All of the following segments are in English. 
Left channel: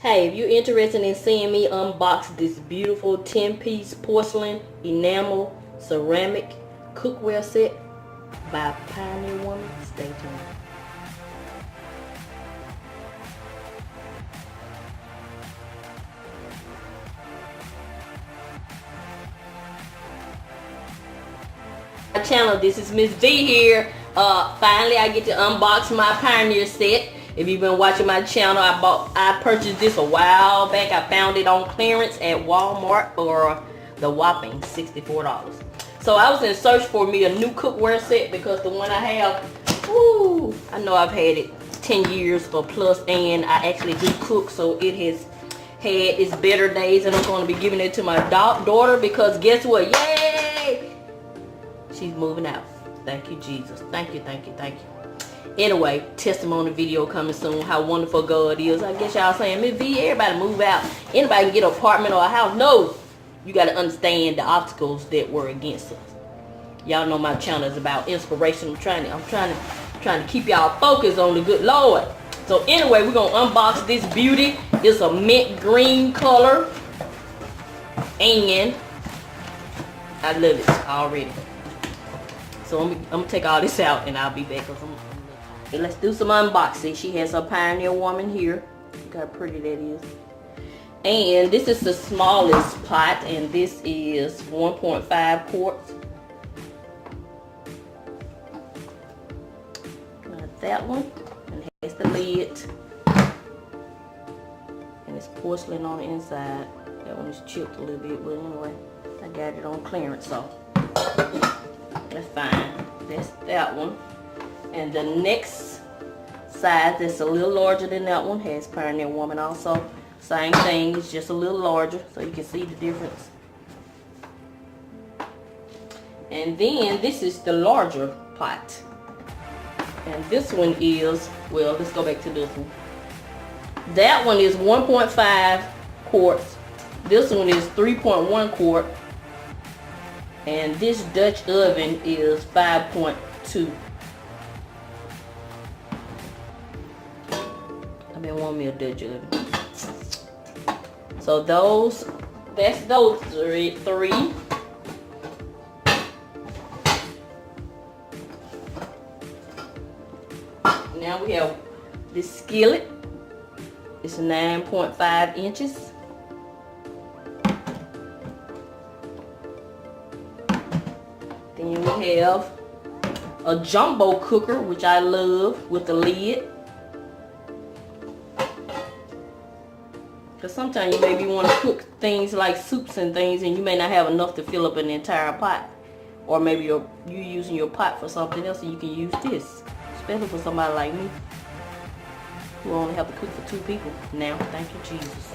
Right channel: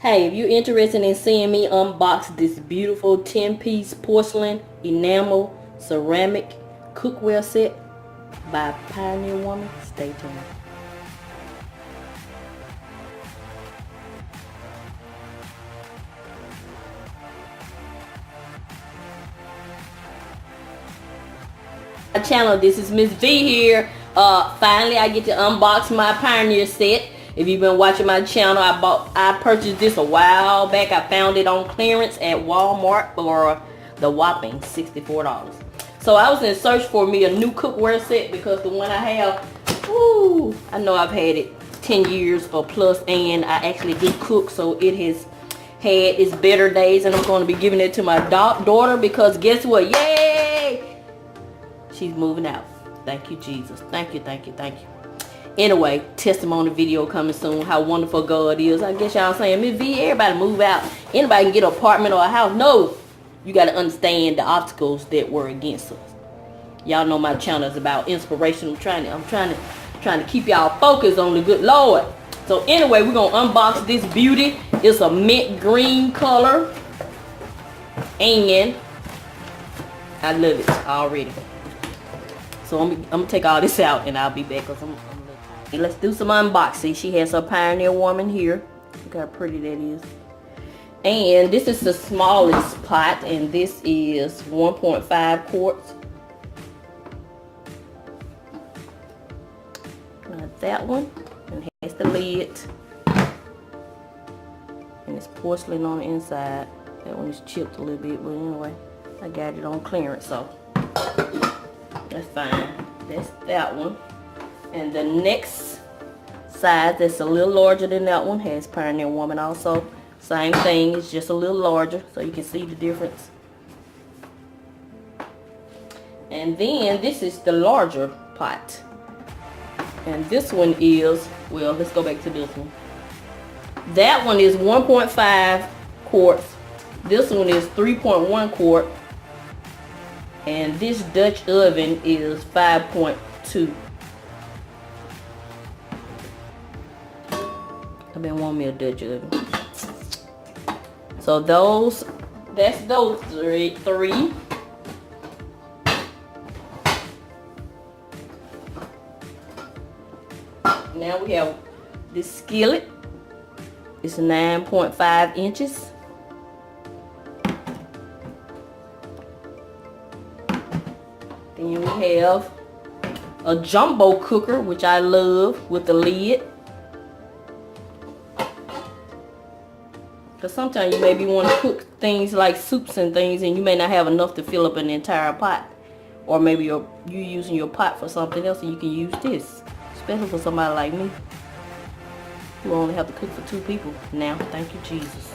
Hey, if you're interested in seeing me unbox this beautiful 10-piece porcelain enamel ceramic cookware set by Pioneer Woman, stay tuned. My channel, this is Miss V here. Finally I get to unbox my Pioneer set. If you've been watching my channel, I purchased this a while back. I found it on clearance at Wal-Mart for the whopping $64. So I was in search for me a new cookware set because the one I have, I know I've had it 10 years or plus, and I actually do cook, so it has had its better days, and I'm going to be giving it to my daughter because guess what? Yay! She's moving out. Thank you, Jesus. Thank you, thank you, thank you. Anyway, testimony video coming soon. How wonderful God is. I guess y'all saying, Miss V, everybody move out. Anybody can get an apartment or a house. No. You got to understand the obstacles that were against us. Y'all know my channel is about inspiration. I'm trying to keep y'all focused on the good Lord. So anyway, we're going to unbox this beauty. It's a mint green color. And I love it already. So I'm going to take all this out and I'll be back. Let's do some unboxing. She has her Pioneer Woman here. Look how pretty that is. And this is the smallest pot, and this is 1.5 quarts. Got that one, and it has the lid, and it's porcelain on the inside. That one is chipped a little bit, but anyway, I got it on clearance, so that's fine. That's that one. And the next size that's a little larger than that one has Pioneer Woman also. Same thing, it's just a little larger so you can see the difference. And then this is the larger pot. And this one is, well, let's go back to this one. That one is 1.5 quarts. This one is 3.1 quart. And this Dutch oven is 5.2. I've been wanting me a Dutch oven. So that's those three. Now we have this skillet. It's 9.5 inches. Then we have a jumbo cooker, which I love, with the lid. Because sometimes you maybe want to cook things like soups and things, and you may not have enough to fill up an entire pot. Or maybe you're using your pot for something else, and you can use this. Especially for somebody like me, who only have to cook for 2 people. Now, thank you, Jesus.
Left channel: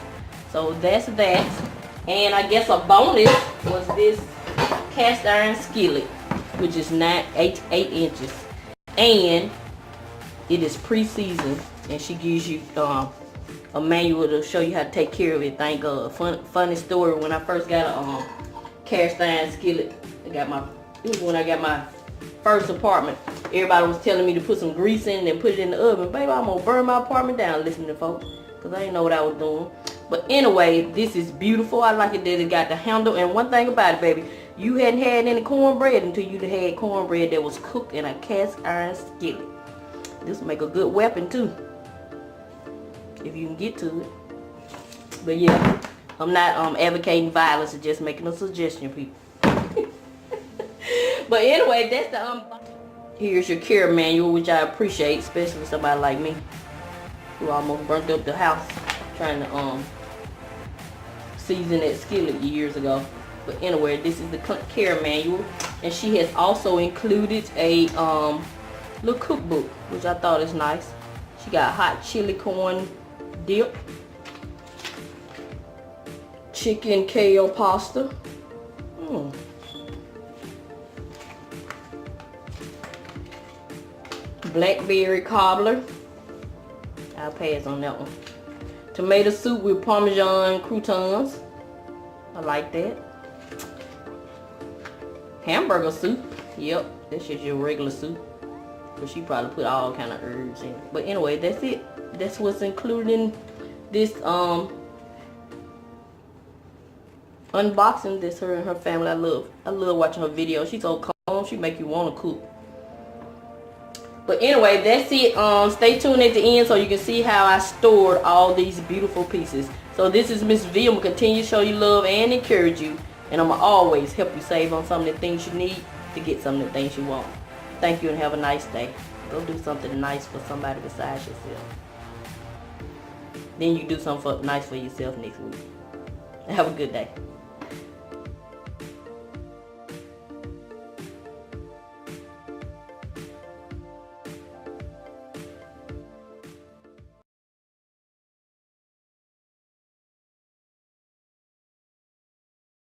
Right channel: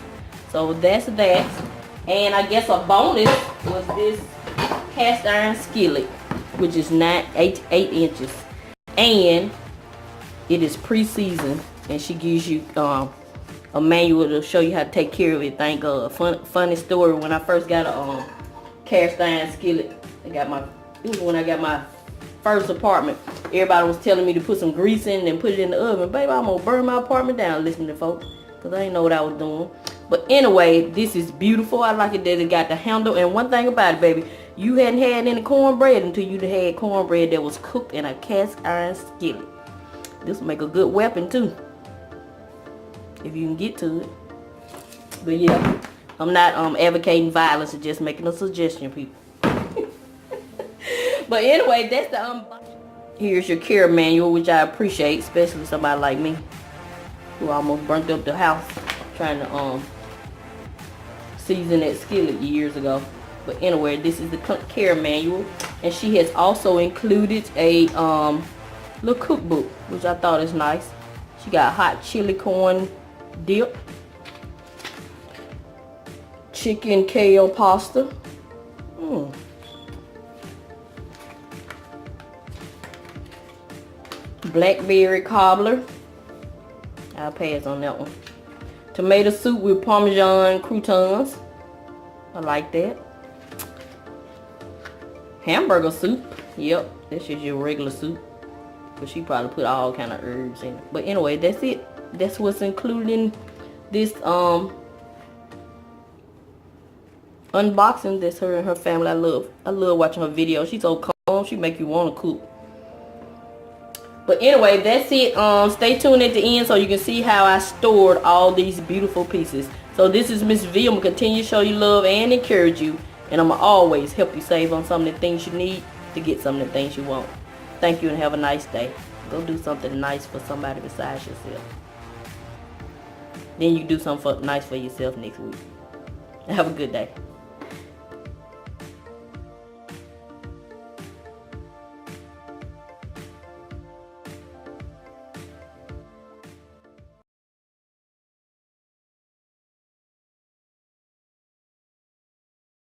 So that's that. And I guess a bonus was this cast iron skillet, which is 8 inches. And it is pre-seasoned, and she gives you a manual to show you how to take care of it. Thank God. Funny story, when I first got a cast iron skillet, it was when I got my first apartment. Everybody was telling me to put some grease in it and put it in the oven. Baby, I'm gonna burn my apartment down listening to folks, because I didn't know what I was doing. But anyway, this is beautiful. I like it that it got the handle. And one thing about it, baby, you hadn't had any cornbread until you had cornbread that was cooked in a cast iron skillet. This will make a good weapon too, if you can get to it. But yeah, I'm not advocating violence, or just making a suggestion, people. But anyway, that's the here's your care manual, which I appreciate, especially somebody like me who almost burnt up the house trying to season that skillet years ago. But anyway, this is the care manual, and she has also included a little cookbook, which I thought is nice. She got hot chili corn dip, chicken kale pasta, blackberry cobbler. I'll pass on that one. Tomato soup with Parmesan croutons. I like that. Hamburger soup. Yep, that's just your regular soup. But she probably put all kind of herbs in it. But anyway, that's it. That's what's included in this unboxing. This her and her family. I love watching her videos. She's so calm. She make you want to cook. But anyway, that's it. Stay tuned at the end so you can see how I stored all these beautiful pieces. So this is Miss V. I'm going to continue to show you love and encourage you. And I'm going to always help you save on some of the things you need to get some of the things you want. Thank you and have a nice day. Go do something nice for somebody besides yourself. Then you do something nice for yourself next week. Have a good day.